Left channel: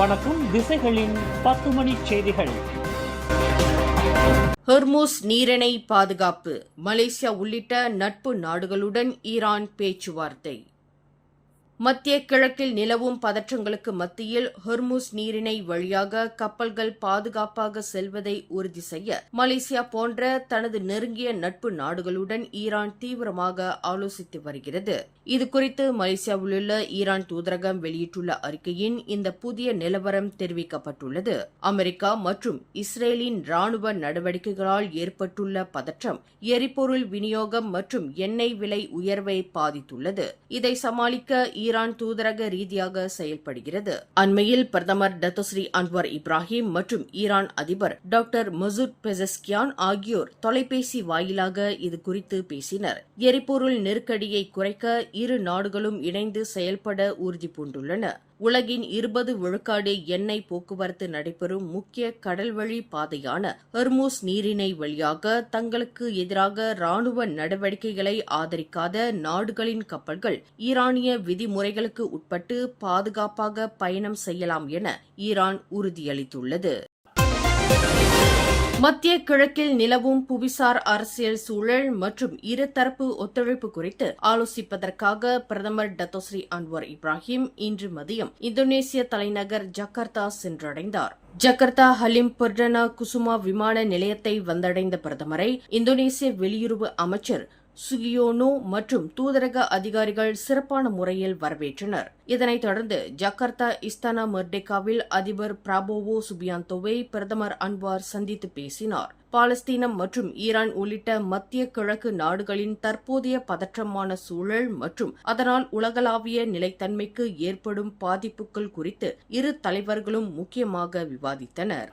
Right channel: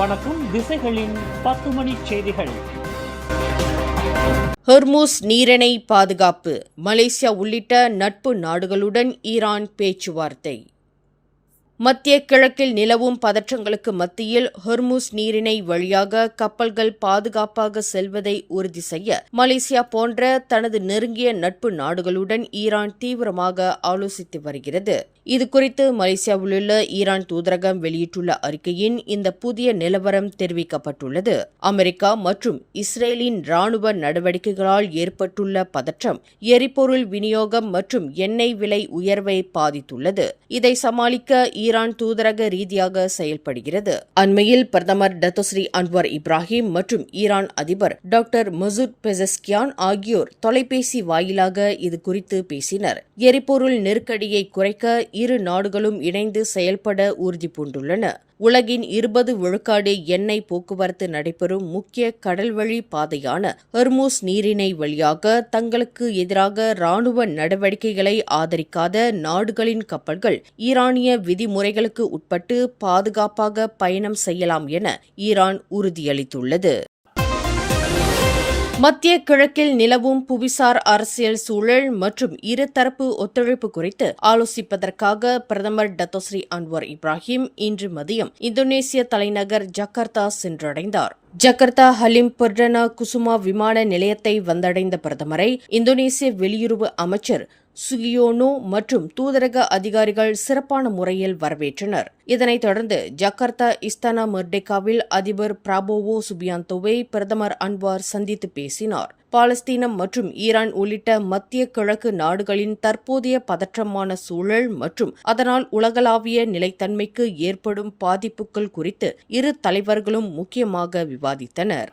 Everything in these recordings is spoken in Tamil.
வணக்கம். திசைகளின் 10 மணி செய்திகள். ஹொர்முஸ் நீரிணை பாதுகாப்பு. மலேசியா உள்ளிட்ட நட்பு நாடுகளுடன் ஈரான் பேச்சுவார்த்தை. மத்திய கிழக்கில் நிலவும் பதற்றங்களுக்கு மத்தியில் ஹொர்முஸ் நீரிணை வழியாக கப்பல்கள் பாதுகாப்பாக செல்வதை உறுதி செய்ய மலேசியா போன்ற தனது நெருங்கிய நட்பு நாடுகளுடன் ஈரான் தீவிரமாக ஆலோசித்து வருகிறது. இதுகுறித்து மலேசியாவிலுள்ள ஈரான் தூதரகம் வெளியிட்டுள்ள அறிக்கையின் இந்த புதிய நிலவரம் தெரிவிக்கப்பட்டுள்ளது. அமெரிக்கா மற்றும் இஸ்ரேலின் ராணுவ நடவடிக்கைகளால் ஏற்பட்டுள்ள பதற்றம் எரிபொருள் விநியோகம் மற்றும் எண்ணெய் விலை உயர்வை பாதித்துள்ளது. இதை சமாளிக்க ஈரான் தூதரக ரீதியாக செயல்படுகிறது. அண்மையில் பிரதமர் டத்தோஸ்ரீ அன்வர் இப்ராஹிம் மற்றும் ஈரான் அதிபர் டாக்டர் மசூத் பெசஸ்கியான் ஆகியோர் தொலைபேசி வாயிலாக இது குறித்து பேசினர். எரிபொருள் நெருக்கடியை குறைக்க இரு நாடுகளும் இணைந்து செயல்பட உறுதி பூண்டுள்ளன. உலகின் 20 விழுக்காடு எண்ணெய் போக்குவரத்து நடைபெறும் முக்கிய கடல்வழி பாதையான ஹொர்முஸ் நீரிணை வழியாக தங்களுக்கு எதிராக ராணுவ நடவடிக்கைகளை ஆதரிக்காத நாடுகளின் கப்பல்கள் ஈரானிய விதிமுறைகளுக்கு உட்பட்டு பாதுகாப்பாக பயணம் செய்யலாம் என ஈரான் உறுதியளித்துள்ளது. மத்திய கிழக்கில் நிலவும் புவிசார் அரசியல் சூழல் மற்றும் இருதரப்பு ஒத்துழைப்பு குறித்து ஆலோசிப்பதற்காக பிரதமர் டத்தோஸ்ரீ அன்வர் இப்ராஹிம் இன்று மதியம் இந்தோனேசிய தலைநகர் ஜகார்த்தா சென்றடைந்தார். ஜகார்த்தா ஹலிம் பர்டனா குசுமா விமான நிலையத்தை வந்தடைந்த பிரதமரை இந்தோனேசிய வெளியுறவு அமைச்சர் சுகியோனோ மற்றும் தூதரக அதிகாரிகள் சிறப்பான முறையில் வரவேற்றனர். இதனைத் தொடர்ந்து ஜகார்த்தா இஸ்தானா மெர்டேகாவில் அதிபர் பிராபோவோ சுபியாந்தோவை பிரதமர் அன்வார் சந்தித்து பேசினார். பாலஸ்தீனம் மற்றும் ஈரான் உள்ளிட்ட மத்திய கிழக்கு நாடுகளின் தற்போதைய பதற்றமான சூழல் மற்றும் அதனால் உலகளாவிய நிலைத்தன்மைக்கு ஏற்படும் பாதிப்புகள் குறித்து இரு தலைவர்களும் முக்கியமாக விவாதித்தனர்.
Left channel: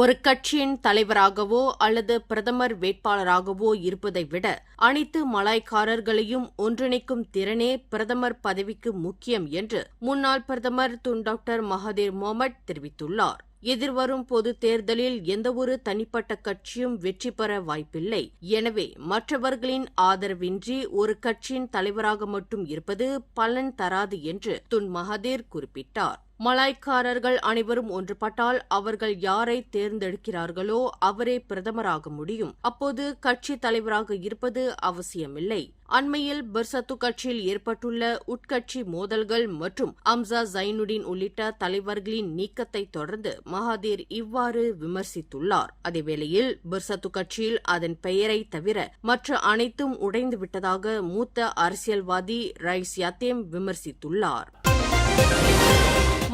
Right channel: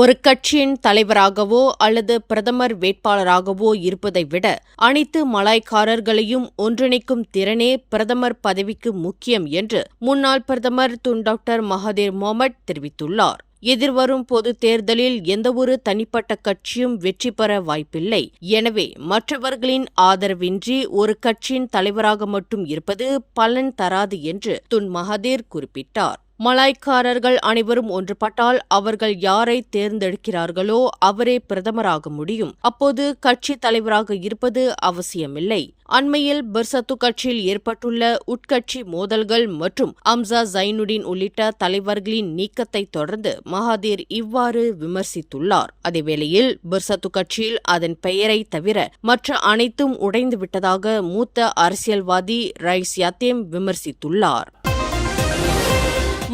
ஒரு கட்சியின் தலைவராகவோ அல்லது பிரதமர் வேட்பாளராகவோ இருப்பதை விட அனைத்து மலாய்க்காரர்களையும் ஒன்றிணைக்கும் திறனே பிரதமர் பதவிக்கு முக்கியம் என்று முன்னாள் பிரதமர் டாக்டர் மகாதீர் மொஹமட் தெரிவித்துள்ளார். எதிர்வரும் பொது தேர்தலில் எந்தவொரு தனிப்பட்ட கட்சியும் வெற்றி பெற வாய்ப்பில்லை. எனவே மற்றவர்களின் ஆதரவின்றி ஒரு கட்சியின் தலைவராக மட்டும் இருப்பது பலன் தராது என்று மகாதீர் குறிப்பிட்டார். மலாய்க்காரர்கள் அனைவரும் ஒன்றுபட்டால் அவர்கள் யாரை தேர்ந்தெடுக்கிறார்களோ அவரே பிரதமராக முடியும். அப்போது கட்சி தலைவராக இருப்பது அவசியமில்லை. அண்மையில் பெர்சத்து கட்சியில் ஏற்பட்டுள்ள உட்கட்சி மோதல்கள் மற்றும் அம்சா ஜைனுடின் உள்ளிட்ட தலைவர்களின் நீக்கத்தை தொடர்ந்து மகாதீர் இவ்வாறு விமர்சித்துள்ளார். அதேவேளையில் பெர்சத்து கட்சியில் அதன் பெயரை தவிர மற்ற அனைத்தும் உடைந்துவிட்டதாக மூத்த அரசியல்வாதி ரைஸ் யாத்தேம் விமர்சித்துள்ளார்.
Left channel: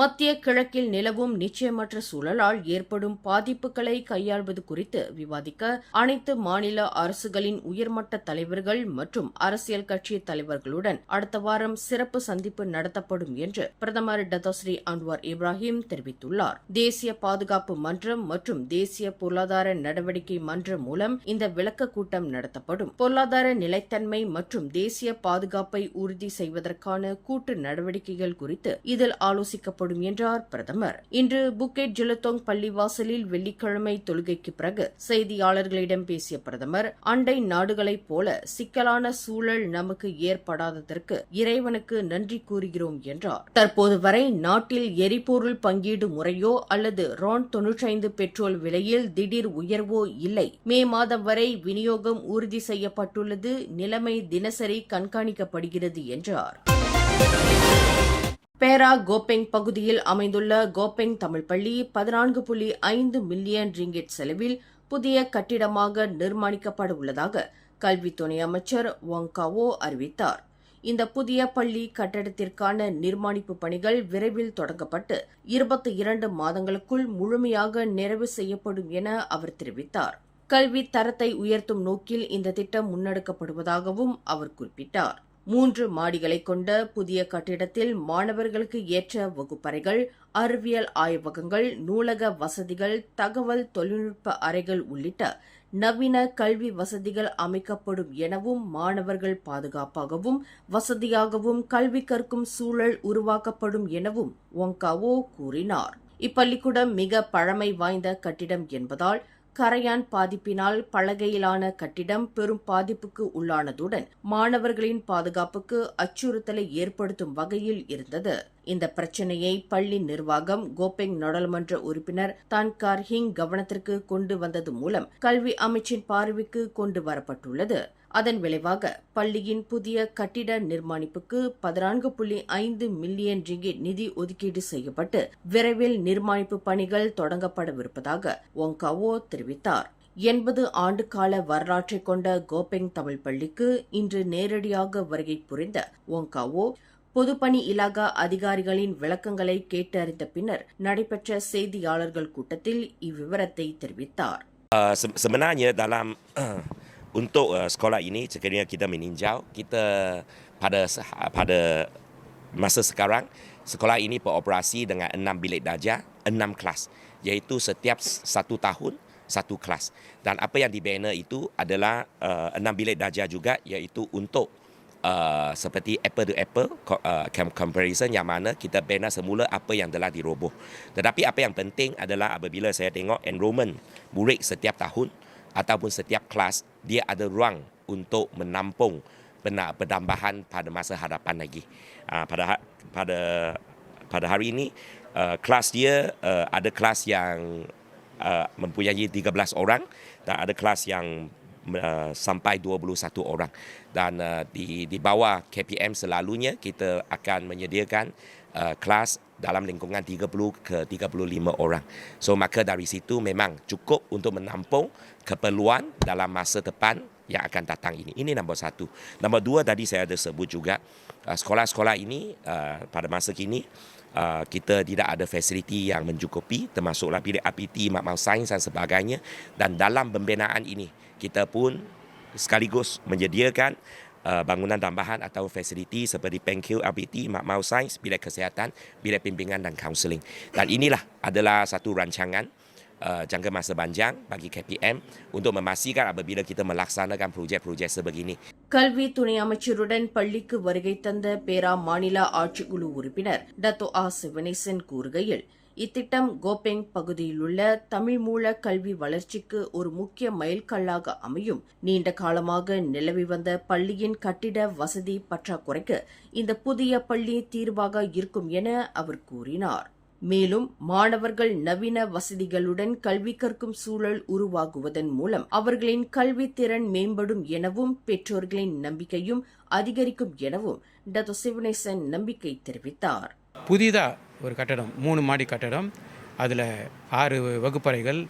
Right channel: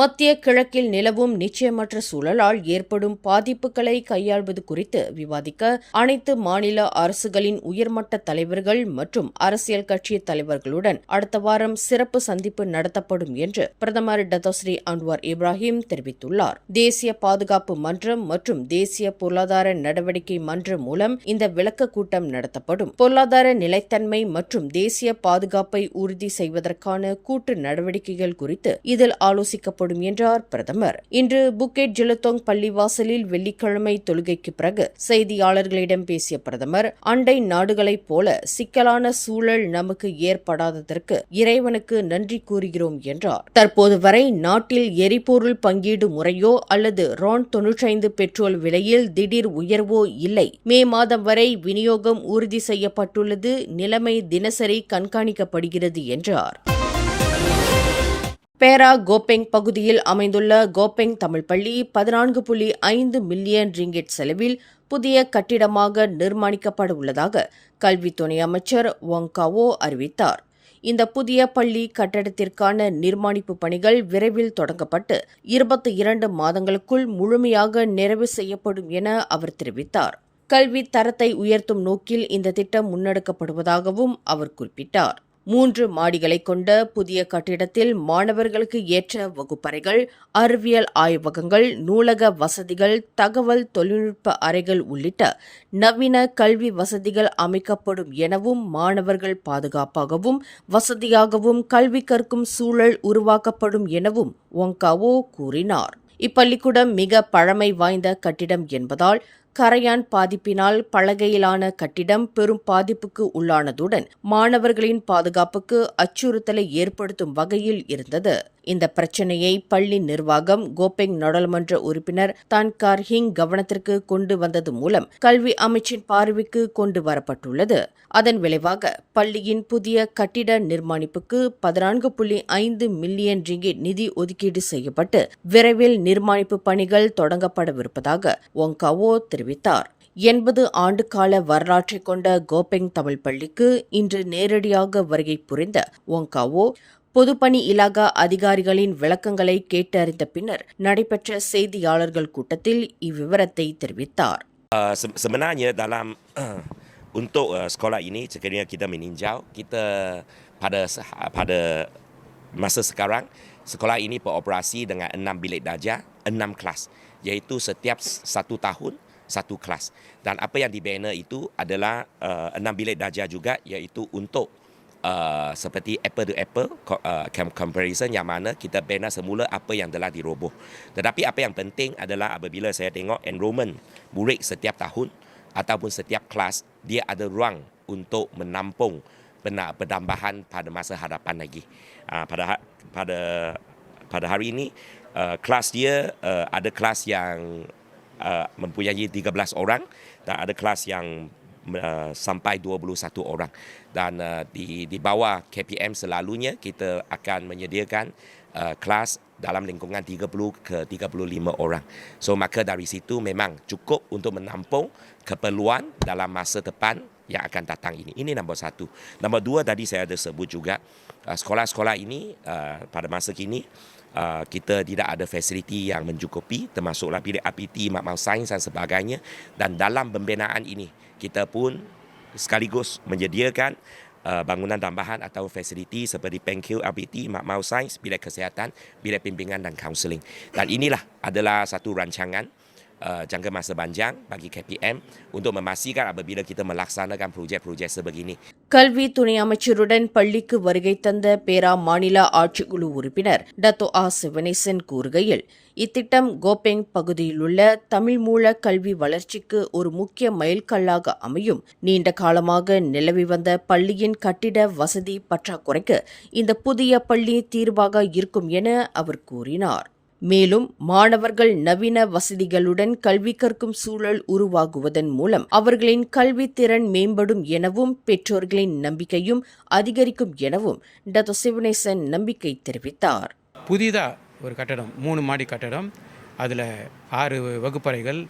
மத்திய கிழக்கில் நிலவும் நிச்சயமற்ற சூழலால் ஏற்படும் பாதிப்புகளை கையாள்வது குறித்து விவாதிக்க அனைத்து மாநில அரசுகளின் உயர்மட்ட தலைவர்கள் மற்றும் அரசியல் கட்சி தலைவர்களுடன் அடுத்த வாரம் சிறப்பு சந்திப்பு நடத்தப்படும் என்று பிரதமர் டத்தோஸ்ரீ அன்வர் இப்ராஹிம் தெரிவித்துள்ளார். தேசிய பாதுகாப்பு மன்றம் மற்றும் தேசிய பொருளாதார நடவடிக்கை மன்றம் மூலம் இந்த விளக்க கூட்டம் நடத்தப்படும். பொருளாதார நிலைத்தன்மை மற்றும் தேசிய பாதுகாப்பை உறுதி செய்வதற்கான கூட்டு நடவடிக்கைகள் குறித்து இதில் ஆலோசிக்கப்படும் என்றார் பிரதமர். இன்று புக்கெட் ஜெலுத்தோங் பள்ளிவாசலில் வெள்ளிக்கிழமை தொழுகைக்கு பிறகு செய்தியாளர்களிடம் பேசிய பிரதமர், அண்டை நாடுகளைப் போல சிக்கலான சூழல் நமக்கு ஏற்படாததற்கு இறைவனுக்கு நன்றி கூறுகிறோம் என்றார். தற்போது வரை நாட்டில் எரிபொருள் பங்கீடு முறையோ அல்லது RON 95 பெட்ரோல் விலையில் திடீர் உயர்வோ இல்லை. மே மாதம் வரை விநியோகம் உறுதி செய்யப்பட்டுள்ளது. நிலைமை தினசரி கண்காணிக்கப்படுகிறது என்றார். பேரா கோபெங் பகுதியில் அமைந்துள்ள கோபெங் தமிழ் பள்ளி 14.5 மில்லியன் ரிங்கிட் செலவில் புதிய கட்டிடமாக நிர்மாணிக்கப்பட உள்ளதாக கல்வி துணை அமைச்சர் வாங்காவோ அறிவித்தார். இந்த புதிய பள்ளி கட்டடத்திற்கான நிர்மாணிப்பு பணிகள் விரைவில் தொடங்கப்பட்டு 22 மாதங்களுக்குள் முழுமையாக நிறைவு செய்யப்படும் என அவர் தெரிவித்தார். கல்வி தரத்தை உயர்த்தும் நோக்கில் இந்த திட்டம் முன்னெடுக்கப்படுவதாகவும் அவர் குறிப்பிட்டார். 3 மாடிகளை கொண்ட புதிய கட்டிடத்தில் மாணவர்களுக்கு ஏற்ற வகுப்பறைகள், அறிவியல் ஆய்வகங்கள், நூலக வசதிகள், தகவல் தொழில்நுட்ப அறைகள் உள்ளிட்ட நவீன கல்வி வசதிகள் அமைக்கப்படும் எனவும் மாணவர்கள் பாதுகாப்பாகவும் வசதியாகவும் கல்வி கற்கும் சூழல் உருவாக்கப்படும் எனவும் ஒங்காவோ கூறினார். இப்பள்ளிக்கூடம் மிக பழமை வாய்ந்த கட்டிடம் என்பதால் கரையான் பாதிப்பினால் பலகையிலான கட்டிடம் பெரும் பாதிப்புக்கு உள்ளானதுடன் மாணவர்களின் பாதுகாப்புக்கு அச்சுறுத்தலை ஏற்படுத்தும் வகையில் இருந்தது. இந்த பிரச்சினையை பள்ளி நிர்வாகம் கோபெங் நாடாளுமன்ற உறுப்பினர் தான் கார் ஹிங் கவனத்திற்கு கொண்டு வந்தது மூலம் கல்வி அமைச்சின் பார்வைக்கு கொண்டு வரப்பட்டுள்ளது. அதன் விளைவாக பள்ளியின் புதிய கட்டிட நிர்மாணிப்புக்கு 14.5 மில்லியன் ரிங்கிட் நிதி ஒதுக்கீடு செய்யப்பட்டு விரைவில் நிர்மாணிப்பு பணிகள் தொடங்கப்படவிருப்பதாக ஒங்காவோ தெரிவித்தார். 80 ஆண்டு கால வரலாற்றை கொண்ட கோபெங் தமிழ் பள்ளிக்கு இன்று நேரடியாக வருகை புரிந்த ஒங்காவோ பொதுப்பணி இலாகா அதிகாரிகளின் விளக்கங்களை கேட்டறிந்த பின்னர் நடைபெற்ற செய்தியாளர்கள் கூட்டத்தில் இவ்விவரத்தை தெரிவித்தார். Sebenarnya dalam untuk sekolah ini sekiranya kita meninjau, kita pada masa sekarang sekolah ini beroperasi dengan 6 bilik darjah, 6 kelas, iaitu setiap 1 tahun 1 kelas. Dan apa yang dibina itu adalah 6 bilik darjah juga, iaitu untuk seperti apple to apple comparison, yang mana kita bina semula apa yang telah diroboh. Tetapi apa yang penting adalah apabila saya tengok enrollment murid setiap tahun ataupun setiap kelas, dia ada ruang untuk menampung penambahan pada masa hadapan lagi. Pada hari ini kelas dia ada kelas yang mempunyai 13 orang dan ada kelas yang sampai 21 orang. Dan di bawah KPM selalunya kita akan menyediakan kelas dalam lingkungan 30 ke 35 orang. So maka dari situ memang cukup untuk menampung keperluan dalam masa depan yang akan datang ini. Ini nombor 1. Nombor 2 tadi saya ada sebut juga, sekolah-sekolah ini pada masa kini kita tidak ada fasiliti yang mencukupi, termasuklah bilik APT, makmal sains dan sebagainya. Dan dalam pembinaan ini kita pun sekaligus menyediakan bangunan tambahan atau fasiliti seperti PenQ, APT, makmal sains, bilik kesihatan, bilik bimbingan dan kaunseling. Dan inilah adalah satu rancangan jangka masa panjang bagi KPM untuk memastikan apabila kita melaksanakan projek-projek sebegini. கல்வி துணை அமைச்சருடன் பள்ளிக்கு வருகை தந்த பேரா மாநில ஆட்சிக்குழு உறுப்பினர் டத்தோ ஆ சிவனேசன் கூறுகையில், இத்திட்டம் கோபெங் பகுதியிலுள்ள தமிழ் மூல கல்வி வளர்ச்சிக்கு ஒரு முக்கிய மைல்கல்லாக அமையும். நீண்ட காலமாக நிலவி வந்த பள்ளியின் கட்டிட வசதி பற்றாக்குறைக்கு இந்த புதிய பள்ளி தீர்வாக இருக்கும் என அவர் கூறினார். மேலும் மாணவர்கள் நவீன வசதிகளுடன் கல்வி கற்கும் சூழல் உருவாகுவதன் மூலம் அவர்களின் கல்வி திறன் மேம்படும் எனவும் பெற்றோர்களின் நம்பிக்கையும் அதிகரிக்கும் எனவும் டத்தோ சிவனேசன் நம்பிக்கை தெரிவித்தார். புதிதாக ஒரு கட்டடம், 3 மாடி கட்டடம், அதில் 6 வகுப்பறைகள்,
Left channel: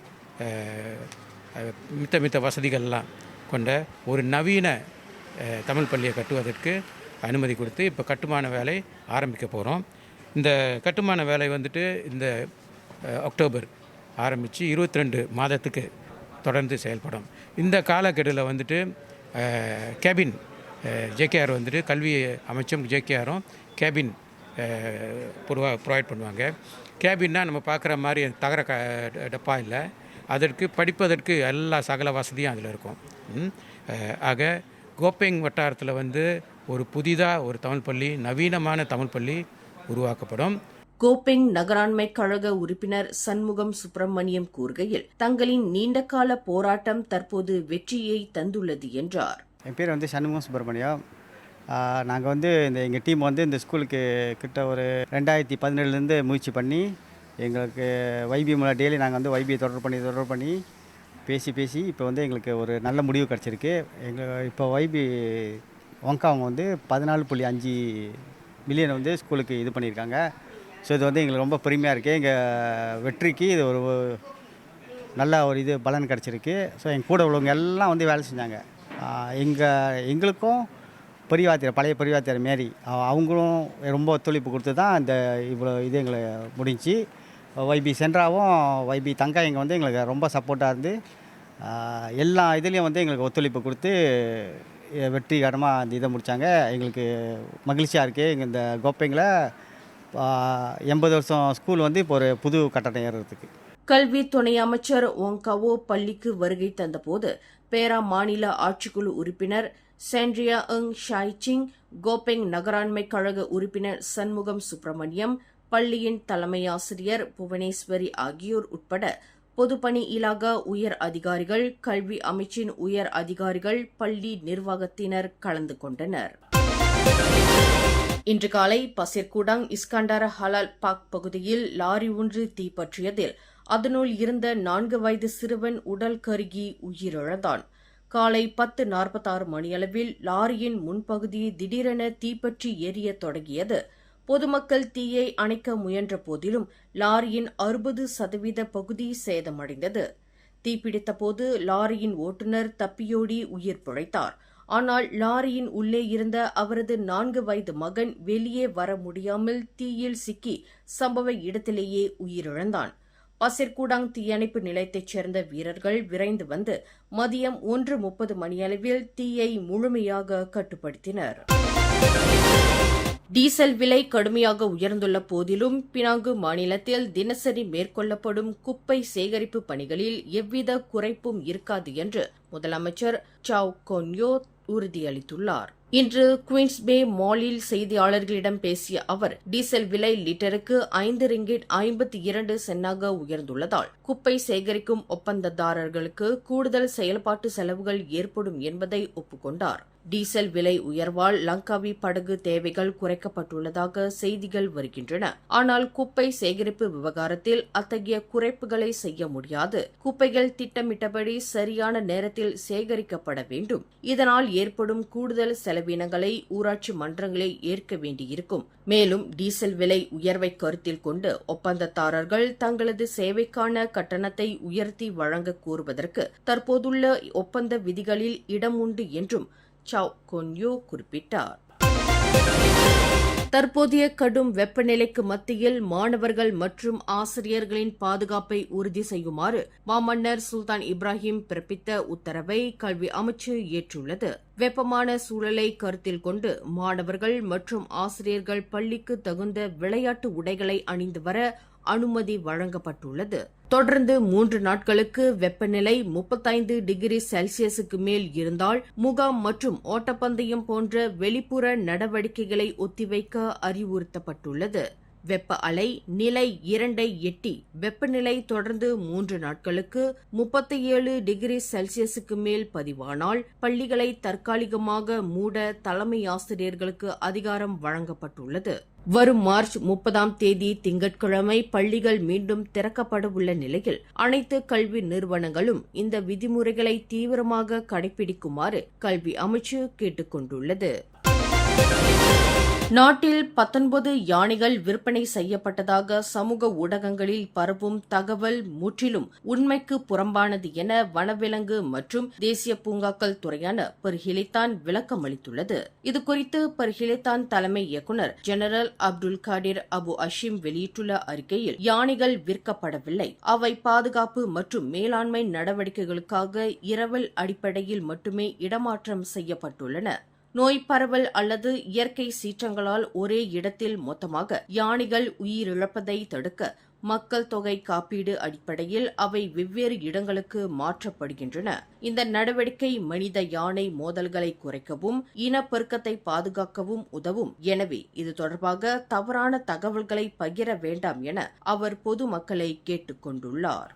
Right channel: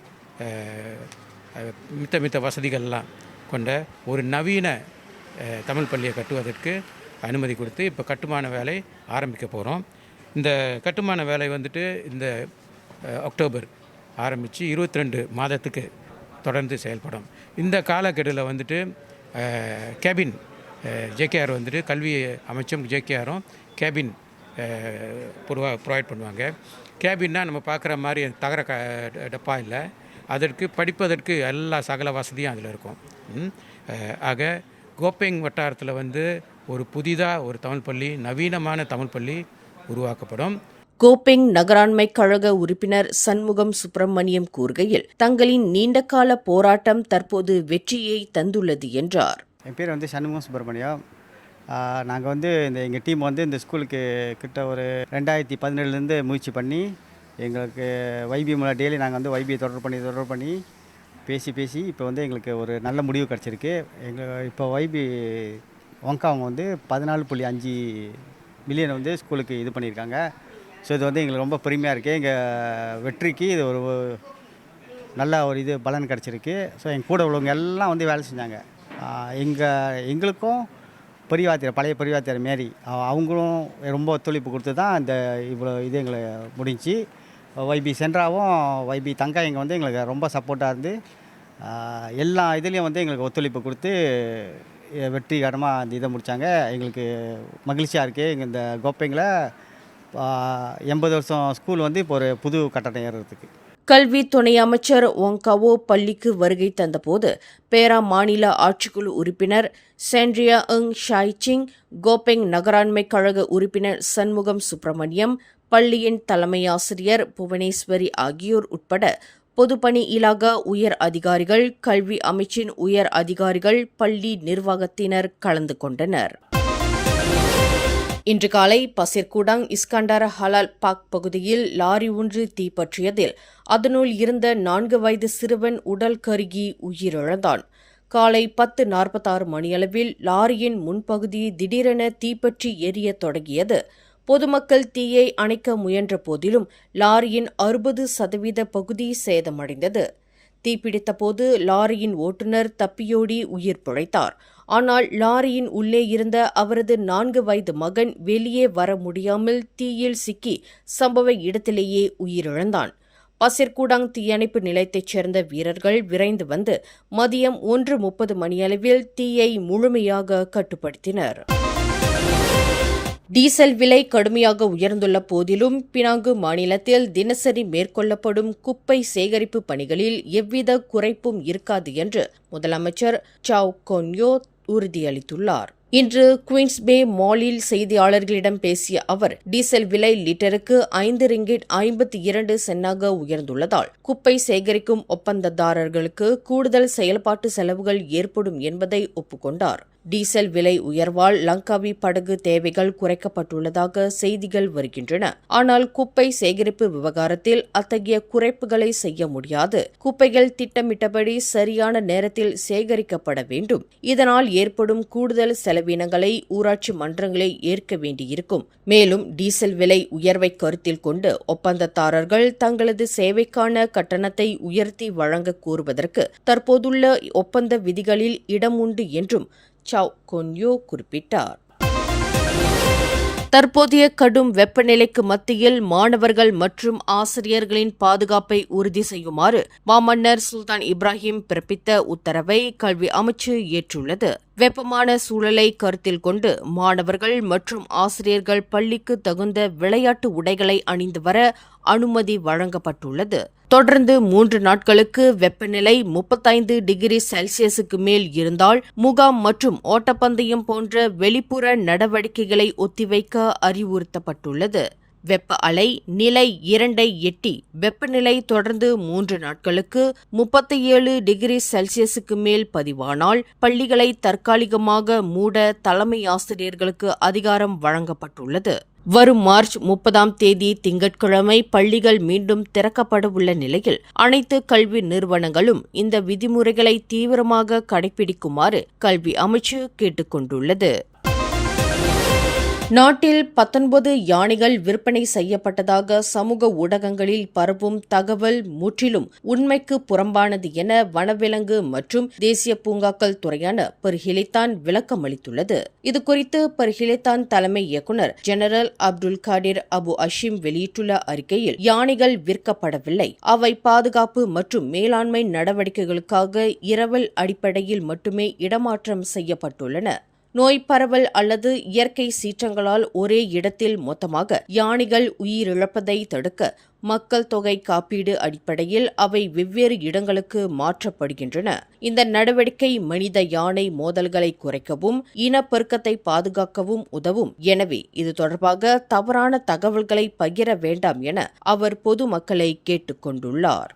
மித்த வசதிகள்லாம் கொண்ட ஒரு நவீன தமிழ் பள்ளியை கட்டுவதற்கு அனுமதி கொடுத்து இப்போ கட்டுமான வேலை ஆரம்பிக்க போகிறோம். இந்த கட்டுமான வேலை வந்துட்டு இந்த அக்டோபர் ஆரம்பித்து 22 மாதத்துக்கு தொடர்ந்து செயல்படும். இந்த காலக்கெடுவில் வந்துட்டு கேபின் ஜேகேஆர் வந்துட்டு கல்வி அமைச்சும் ஜேகேஆரும் கேபின் ப்ரொவைட் பண்ணுவாங்க. கேபின்னா நம்ம பார்க்குற மாதிரி தகர டப்பா இல்லை, அதற்கு படிப்பதற்கு எல்லா சகல வசதியும் அதில் இருக்கும். ஆக கோபெங் வட்டாரத்தில் வந்து ஒரு புதிதாக ஒரு தமிழ் பள்ளி, நவீனமான தமிழ் பள்ளி உருவாக்கப்படும். கோபெங் நகராண்மை கழக உறுப்பினர் சண்முகம் சுப்பிரமணியம் கூறுகையில், தங்களின் நீண்டகால போராட்டம் தற்போது வெற்றியை தந்துள்ளது என்றார். என் பேர் வந்து சண்முகம் சுப்பிரமணியம். நாங்கள் வந்து எங்கள் டீம் வந்து இந்த ஸ்கூலுக்கு கிட்ட ஒரு 2017லேருந்து முயற்சி பண்ணி எங்களுக்கு வைபி மூலம் டெய்லி நாங்கள் வந்து வைபியை தொடர்பு பண்ணி பேசி இப்போ வந்து எங்களுக்கு ஒரு நல்ல முடிவு கிடச்சிருக்கு. இப்போ வைபி ஒங்காவங்க வந்து 14.5 மில்லியன் வந்து ஸ்கூலுக்கு இது பண்ணியிருக்காங்க. ஸோ இது வந்து எங்களுக்கு ரொம்ப பெருமையாக இருக்குது. எங்கள் வெற்றிக்கு இது ஒரு நல்ல ஒரு இது பலன் கிடச்சிருக்கு. ஸோ எங்கள் கூட உள்ளவங்க எல்லாம் வந்து வேலை செஞ்சாங்க. எங்களுக்கும் பழைய பெரியவாத்தியார் மாரி அவங்களும் ரொம்ப ஒத்துழைப்பு கொடுத்து தான் இந்த இவ்வளோ இது எங்களை முடிஞ்சு. வைபி சென்ட்ராவும் வைபி தங்கா இங்கே வந்து எங்களுக்கு ரொம்ப சப்போர்ட்டாக இருந்து எல்லா இதுலேயும் வந்து எங்களுக்கு ஒத்துழைப்பு கொடுத்து வெற்றிகரமாக அந்த இதை முடித்தாங்க. எங்களுக்கு மகிழ்ச்சியாக இருக்குது. எங்கள் இந்த கோப்பைங்கில் 80 வருஷம் ஸ்கூல் வந்து இப்போ ஒரு புது கட்டடம் ஏறுறதுக்கு. கல்வி துணை அமைச்சர் ஒங்காவோ பள்ளிக்கு வருகை தந்தபோது பேரா மாநில ஆட்சிக்குழு உறுப்பினர் சாண்ட்ரியா ஷாய்சிங், கோபெங் நகராண்மை கழக உறுப்பினர் சண்முகம் சுப்பிரமணியம், பள்ளியின் தலைமை ஆசிரியர் புவனேஸ்வரி ஆகியோர் உட்பட பொதுப்பணி இலாகா உயர் அதிகாரிகள், கல்வி அமைச்சின் உயர் அதிகாரிகள், பள்ளி நிர்வாகத்தினர் கலந்து கொண்டனர். இன்று காலை பசிர்கூடாங் இஸ்கண்டார ஹலால் பாக் பகுதியில் லாரி ஒன்று தீப்பற்றியதில் அதனுள் இருந்த 4 வயது சிறுவன் உடல் கருகி உயிரிழந்தான். காலை 10:46 மணியளவில் லாரியின் முன்பகுதி திடீரென தீப்பற்றி எரியத் தொடங்கியது. பொதுமக்கள் தீயை அணைக்க முயன்ற போதிலும் லாரியின் 60% பகுதி சேதமடைந்தது. தீப்பிடித்தபோது லாரியின் ஓட்டுநர் தப்பியோடி உயிர் பிழைத்தார். ஆனால் லாரியின் உள்ளே இருந்த அவரது 4 வயது மகன் வெளியே வர முடியாமல் தீயில் சிக்கி சம்பவ இடத்திலேயே உயிரிழந்தான். பசிர்கூடாங் தீயணைப்பு நிலையத்தைச் சேர்ந்த வீரர்கள் விரைந்து வந்து மதியம் 1:30 மணியளவில் தீயை முழுமையாக கட்டுப்படுத்தினர். டீசல் விலை கடுமையாக உயர்ந்துள்ள போதிலும் பினாங்கு மாநிலத்தில் தினசரி மேற்கொள்ளப்படும் குப்பை சேகரிப்பு பணிகளில் எவ்வித குறைப்பும் இருக்காது என்று முதலமைச்சர் சாவ் கொன்யோ உறுதியளித்துள்ளார். இன்று குயின்ஸ் பே மாலில் செய்தியாளர்களிடம் பேசிய அவர், டீசல் விலை லிட்டருக்கு 5 ரிங்கிட் 52 சென்னாக உயர்ந்துள்ளதால் குப்பை சேகரிக்கும் ஒப்பந்ததாரர்களுக்கு கூடுதல் செயல்பாட்டு செலவுகள் ஏற்படும் என்பதை ஒப்புக்கொண்டார். டீசல் விலை உயர்வால் லங்காவி படகு தேவைகள் குறைக்கப்பட்டுள்ளதாக செய்திகள் வருகின்றன. ஆனால் குப்பை சேகரிப்பு விவகாரத்தில் அத்தகைய குறைப்புகளை செய்ய முடியாது. குப்பைகள் திட்டமிட்டபடி சரியான நேரத்தில் சேகரிக்கப்பட வேண்டும். இதனால் ஏற்படும் கூடுதல் செலவினங்களை ஊராட்சி மன்றங்களே ஏற்க வேண்டியிருக்கும். மேலும் டீசல் விலை உயர்வை கருத்தில் கொண்டு ஒப்பந்ததாரர்கள் தங்களது சேவைக்கான கட்டணத்தை உயர்த்தி வழங்க கோருவதற்கு தற்போதுள்ள ஒப்பந்த விதிகளில் இடம் உண்டு என்றும் சாவ் கொன்யோ குறிப்பிட்டார். தற்போதைய கடும் வெப்பநிலைக்கு மத்தியில் மாணவர்கள் மற்றும் ஆசிரியர்களின் பாதுகாப்பை உறுதி செய்யுமாறு மாமன்னர் சுல்தான் இப்ராஹிம் பிறப்பித்த உத்தரவை கல்வி அமைச்சு ஏற்றுள்ளது. வெப்பமான சூழலை கருத்தில் கொண்டு மாணவர்கள் மற்றும் ஆசிரியர்கள் பள்ளிக்கு தகுந்த விளையாட்டு உடைகளை அணிந்து வர அனுமதி வழங்கப்பட்டுள்ளது. தொடர்ந்து 3 நாட்களுக்கு வெப்பநிலை 35 டிகிரி செல்சியஸுக்கு மேல் இருந்தால் முகாம் மற்றும் ஓட்டப்பந்தயம் போன்ற வெளிப்புற நடவடிக்கைகளை ஒத்திவைக்க அறிவுறுத்தப்பட்டுள்ளது. வெப்ப அலை நிலை 2ஐ எட்டி வெப்பநிலை தொடர்ந்து 3 நாட்களுக்கு 37 டிகிரி செல்சியஸுக்கு மேல் பதிவானால் பள்ளிகளை தற்காலிகமாக மூட தலைமை ஆசிரியர்களுக்கு அதிகாரம் வழங்கப்பட்டுள்ளது. வரும் மார்ச் 30ஆம் தேதி திங்கட்கிழமை பள்ளிகள் மீண்டும் திறக்கப்பட உள்ள நிலையில் அனைத்து கல்வி நிறுவனங்களும் இந்த விதிமுறைகளை தீவிரமாக கடைபிடிக்குமாறு கல்வி அமைச்சு கேட்டுக் கொண்டுள்ளது. நாட்டில் 19 யானைகள் விற்பனை செய்யப்பட்டதாக சமூக ஊடகங்களில் பரவும் தகவல் முற்றிலும் உண்மைக்கு புறம்பானது என வனவிலங்கு மற்றும் தேசிய பூங்காக்கள் துறையான பர்ஹிலித்தான் விளக்கம் அளித்துள்ளது. இதுகுறித்து பர்ஹிலித்தான் தலைமை இயக்குநர் ஜெனரல் அப்துல் காடிர் அபு அஷீம் வெளியிட்டுள்ள அறிக்கையில், யானைகள் விற்கப்படவில்லை, அவை பாதுகாப்பு மற்றும் மேலாண்மை நடவடிக்கைகளுக்காக இரவல் அடிப்படையில் மட்டுமே இடமாற்றம் செய்யப்பட்டுள்ளன. நோய் பரவல் அல்லது இயற்கை சீற்றங்களால் ஒரே இடத்தில் மொத்தமாக யானைகள் உயிரிழப்பதை தடுக்க மக்கள் தொகை காப்பீடு அடிப்படையில் அவை வெவ்வேறு இடங்களுக்கு மாற்றப்படுகின்றன. இந்த நடவடிக்கை மனித யானை மோதல்களை குறைக்கவும் இனப்பெருக்கத்தை பாதுகாக்கவும் உதவும். எனவே இது தொடர்பாக தவறான தகவல்களை பகிர வேண்டாம் என அவர் பொதுமக்களை கேட்டுக் கொண்டுள்ளார்.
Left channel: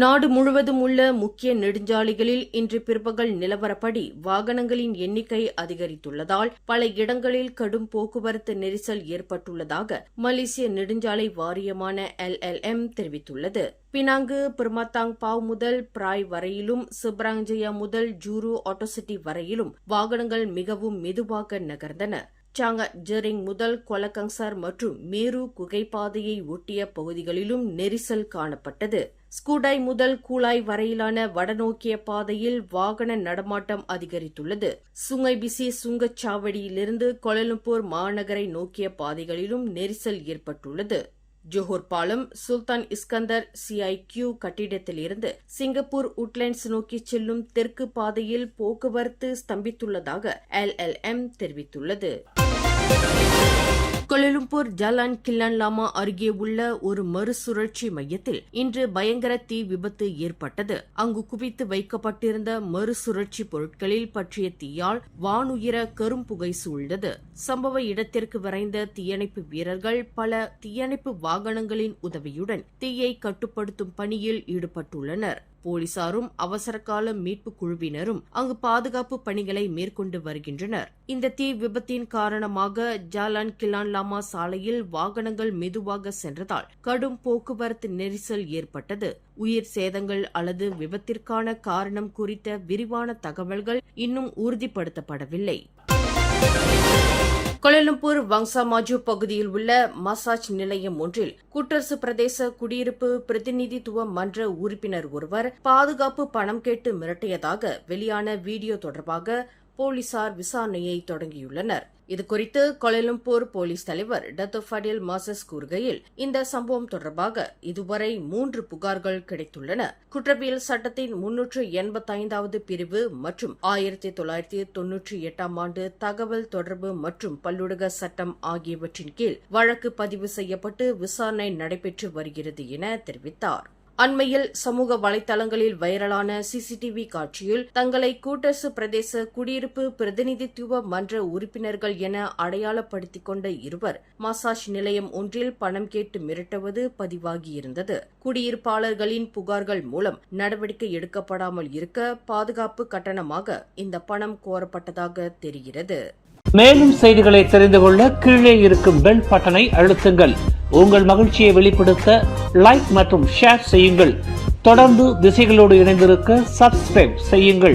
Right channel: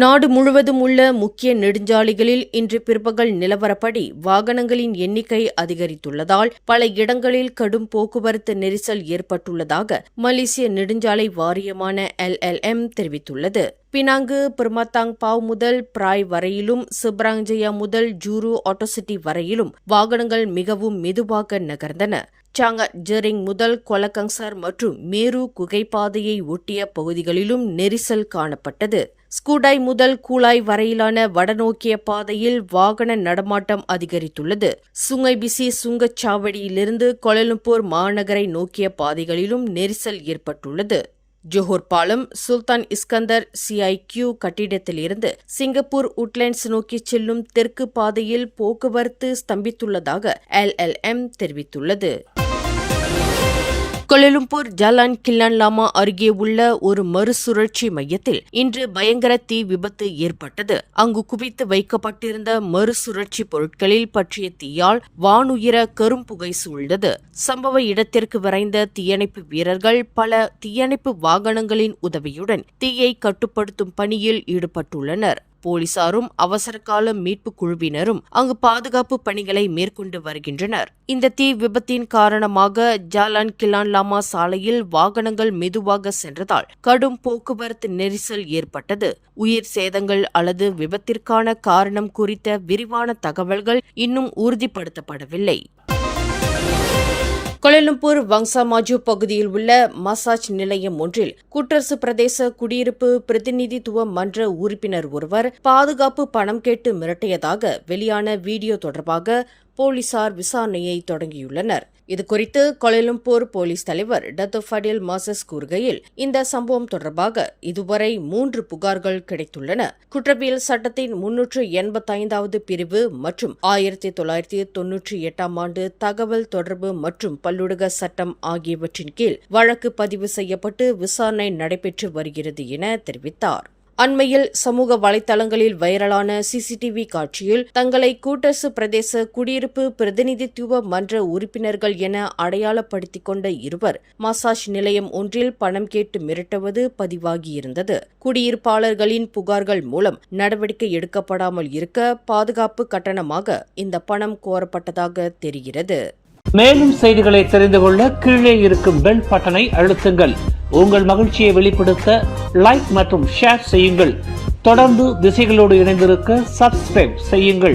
நாடு முழுவதும் உள்ள முக்கிய நெடுஞ்சாலைகளில் இன்று பிற்பகல் நிலவரப்படி வாகனங்களின் எண்ணிக்கை அதிகரித்துள்ளதால் பல இடங்களில் கடும் போக்குவரத்து நெரிசல் ஏற்பட்டுள்ளதாக மலேசிய நெடுஞ்சாலை வாரியமான LLM தெரிவித்துள்ளது. பினாங்கு பெர்மத்தாங் பாவ் முதல் பிராய் வரையிலும் சிப்ராங்ஜயா முதல் ஜூரு ஆட்டோசிட்டி வரையிலும் வாகனங்கள் மிகவும் மெதுவாக நகர்ந்தன. சாங்காட் ஜெரிங் முதல் கொலகங்சார் மற்றும் மேரு குகைப்பாதையை ஒட்டிய பகுதிகளிலும் நெரிசல் காணப்பட்டது. ஸ்கூடாய் முதல் கூலாய் வரையிலான வடநோக்கிய பாதையில் வாகன நடமாட்டம் அதிகரித்துள்ளது. சுங்கைபிசி சுங்கச்சாவடியிலிருந்து கோலாலம்பூர் மாநகரை நோக்கிய பாதைகளிலும் நெரிசல் ஏற்பட்டுள்ளது. ஜோஹர் பாலம் சுல்தான் இஸ்கந்தர் CIQ கட்டிடத்திலிருந்து சிங்கப்பூர் உட்லேண்ட்ஸ் நோக்கி செல்லும் தெற்கு பாதையில் போக்குவரத்து ஸ்தம்பித்துள்ளதாக LLM தெரிவித்துள்ளது. கோலாலம்பூர் ஜலான் கில்லான் லாமா அருகே உள்ள ஒரு மறுசுழற்சி மையத்தில் இன்று பயங்கர தீ விபத்து ஏற்பட்டது. அங்கு குவித்து வைக்கப்பட்டிருந்த மறுசுழற்சி பொருட்களில் பற்றிய தீயால் வானுயர கரும்புகை சூழ்ந்தது. சம்பவ இடத்திற்கு விரைந்த தீயணைப்பு வீரர்கள் பல தீயணைப்பு வாகனங்களின் உதவியுடன் தீயை கட்டுப்படுத்தும் பணியில் ஈடுபட்டுள்ளனர். போலீசாரும் அவசரகால மீட்பு குழுவினரும் அங்கு பாதுகாப்பு பணிகளை மேற்கொண்டு வருகின்றனர். இந்த தீ விபத்தின் காரணமாக ஜாலான் கிலான் லாமா சாலையில் வாகனங்கள் மெதுவாக சென்றதால் கடும் போக்குவரத்து நெரிசல் ஏற்பட்டது. உயிர் சேதங்கள் அல்லது விபத்திற்கான காரணம் குறித்த விரிவான தகவல்கள் இன்னும் உறுதிப்படுத்தப்படவில்லை. கோலாலம்பூர் வங்சா மாஜு பகுதியில் உள்ள மசாஜ் நிலையம் ஒன்றில் கூட்டரசு பிரதேச குடியிருப்பு பிரதிநிதித்துவ மன்ற உறுப்பினர் ஒருவர் பாதுகாப்பு பணம் கேட்டு மிரட்டியதாக வெளியான வீடியோ தொடர்பாக போலீசார் விசாரணையை தொடங்கியுள்ளனர். இதுகுறித்து கோலாலம்பூர் போலீஸ் தலைவர் டத்தோ ஃபடில் மாசஸ் கூறுகையில், இந்த சம்பவம் தொடர்பாக இதுவரை 3 புகார்கள் கிடைத்துள்ளன. குற்றவியல் சட்டத்தின் 385வது பிரிவு மற்றும் 1998ஆம் ஆண்டு தகவல் தொடர்பு மற்றும் பல்லுலக சட்டம் ஆகியவற்றின் கீழ் வழக்கு பதிவு செய்யப்பட்டு விசாரணை நடைபெற்று வருகிறது என தெரிவித்தார். அண்மையில் சமூக வலைதளங்களில் வைரலான சிசிடிவி காட்சியில் தங்களை கூட்டரசு பிரதேச குடியிருப்பு பிரதிநிதித்துவ மன்ற உறுப்பினர்கள் என அடையாளப்படுத்திக் கொண்ட இருவர் மசாஜ் நிலையம் ஒன்றில் பணம் கேட்டு மிரட்டுவது பதிவாகியிருந்தது. குடியிருப்பாளர்களின் புகார்கள் மூலம் நடவடிக்கை எடுக்கப்படாமல் இருக்க பாதுகாப்பு கட்டணமாக இந்த பணம் கோரப்பட்டதாக தெரிகிறது. மேலும் செய்திகளை தெரிந்து கொள்ள கீழே இருக்கும் பெல் பட்டனை அழுத்துங்கள். உங்கள் மகிழ்ச்சியை வெளிப்படுத்த லைக் மற்றும் ஷேர் செய்யுங்கள். தொடர்ந்து திசைகளோடு இணைந்திருக்க சப்ஸ்கிரைப் செய்யுங்கள்.